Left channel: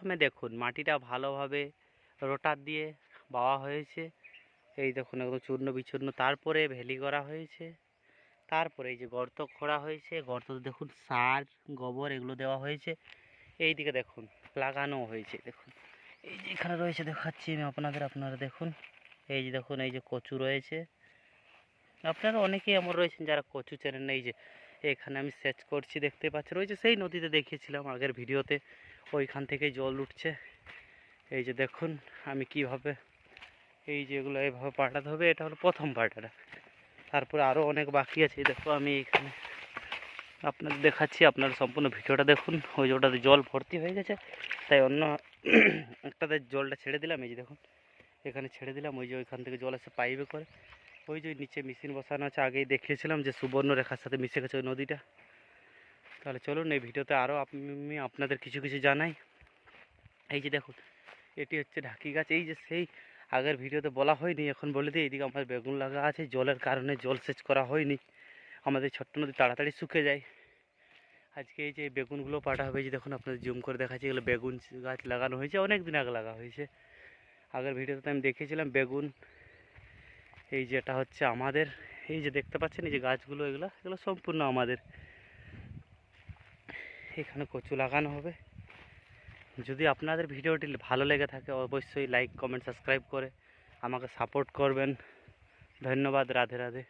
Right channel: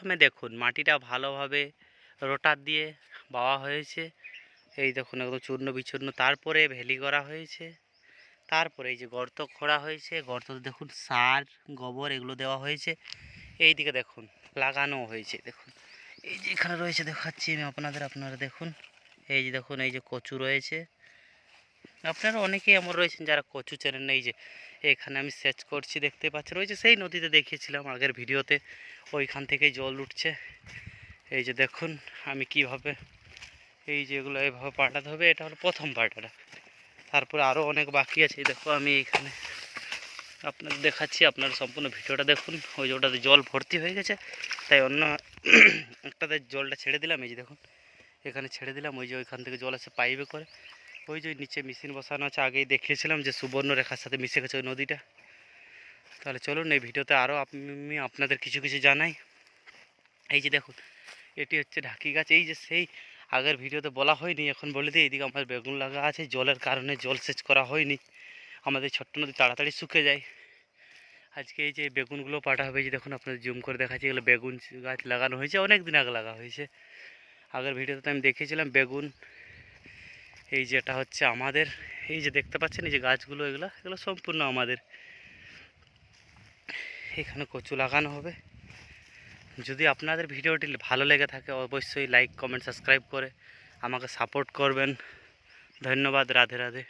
প্রথমে দেখুন মাটিটা ভালোভাবে রোটার দিয়ে বাওয়া হয়েছে। এই দেখুন একদম চূর্ণ বিচূর্ণ, তারপরে ভেলি করা হয়েছে। তারপরে এই যে গর্ত খোঁড়া হয়েছে, গর্ততে দেখুন সার গোবর এগুলো দেওয়া হয়েছে। এই দিকে দেখুন লাগানো হয়েছে, দেখুন এই যে এখানে রয়েছে দেখাচ্ছি আমি আপনাদের, আপনারা দেখুন এই যে দেখুন এই যে কচু রয়েছে। আপনারা অনেকেই এমন রয়েছেন যারা কচু চেনেন না। এই যে এখানে আমি সেচ করছি, দেখতে পাচ্ছেন ওই যে সেই নদীতে দেখিয়েছিলাম আগের ভিডিওতে, ওইখান থেকেই জল উঠছে। এই যে দেখুন আমি কিভাবে এই যে এগুলো এইভাবে পাল্টাতে হবে, এটা হলো প্রথম পাল্টাটা। তারপরে আরও অনেক বাকি আছে। দেখো আমি এইখানে আপনাদের দেখাচ্ছি, আপনারা সম্পূর্ণ ভিডিওটা দেখুন। ওই যে ওটাতে জল ভর্তি হয়ে গেছে, তাই অন্য একটাতে জলটা ছেড়ে দিলাম। এই যে দেখুন এখানে ছেড়ে দিলাম, ওই যে ওইখান থেকে জল আসে পাইপে করে। ওই যে নিচে মেশিন বসানো আছে, আগেই দেখিয়েছিলাম যে সুবর্ণরেখার সাথে মিশে গেছে ওই নদীটা। তাহলে চলুন এই ভিডিওতে আরও আমি আপনাদের কিছু কিছু জানাই। এই যে দেখুন এটি হচ্ছে ঢাকি গাছ। এই যে সেই আগের ভিডিওতে বলা হয়নি, এখন বলে দিই। এইদিকে আমার বেগুন লাগা আছে, জলের কারণে জল সেচ করা হয়নি, আমাদের ছোট্ট নদী তাড়াতাড়ি শুকে যায়। আজকে এই যে বেগুনগুলো পাটা হবে, যে দেখুন আপনাদের জুম করে দেখাচ্ছি, এগুলো বেগুন গাছ লাগানো হয়েছে, অনেক দিন আগে লাগা হয়েছে। আগের ভিডিওতে আমি দেখিয়েছিলাম বেগুন। এই যে এটা হচ্ছে আমাদের, এই যে দেখতে পাচ্ছেন এই যে গাছগুলো, এগুলো এগুলো সম্পূর্ণ আমাদের। এখানে কচু লাগানো হবে। যদি আপনাদের ভিডিওটি ভালো লেগে থাকে অবশ্যই লাইক কমেন্ট সাবস্ক্রাইব করে আমাকে সাপোর্ট করবেন। ধন্যবাদ। রাধে রাধে।